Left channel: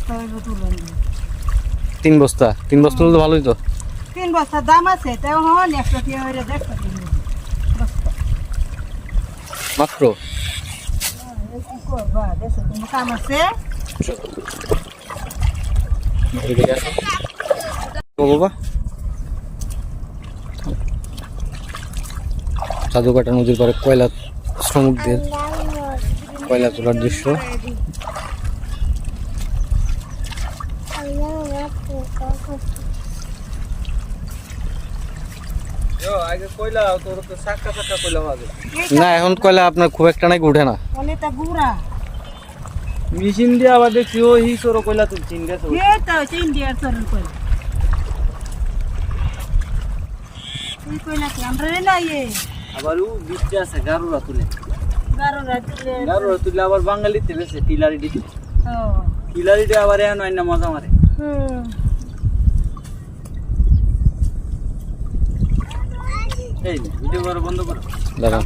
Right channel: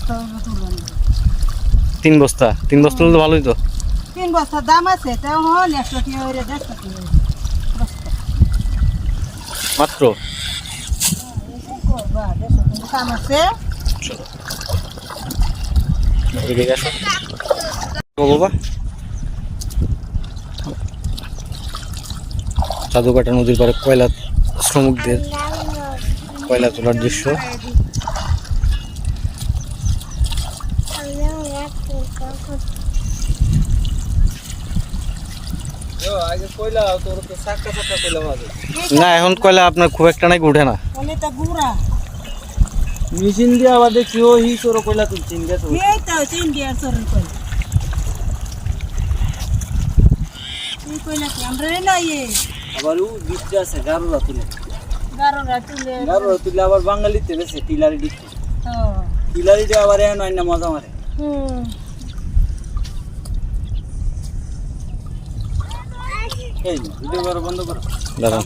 বস্তা হইব তুলন 3 বস্তা তুললে তো ভালোই তো 3 বস্তা দাম আছে তাও হন 100 টাকা হইরে 150 টাকা বস্তা মাত্র কি করবা 150 টাকা কাম আছে এদিকে আসো বাবা সাধুকাটা নদীর পাড়ে কয়লা শ্রমিকদের কয়লা তোলার দৃশ্য না এখন কয়লা আপনার খুব একটা নাকি উঠে না বলে তা গুড়া মেশিন দিয়ে আবার দেখছি ও হি সরো কইলা তুলছি ইন্ডিয়া সরো এই তো ইন্ডিয়ার সরন কই এই কইলা কি আমরা না ইয়ে আবার ও বিচতে আছে গারুরা তুলে গারোরা তুলে আবার বাঙালিতে বেশি টিলারি দিতে ও টিলারিতে আবার এন আইনা মজা মারে এই ভিডিও বন্ধ করো দাঁড়ান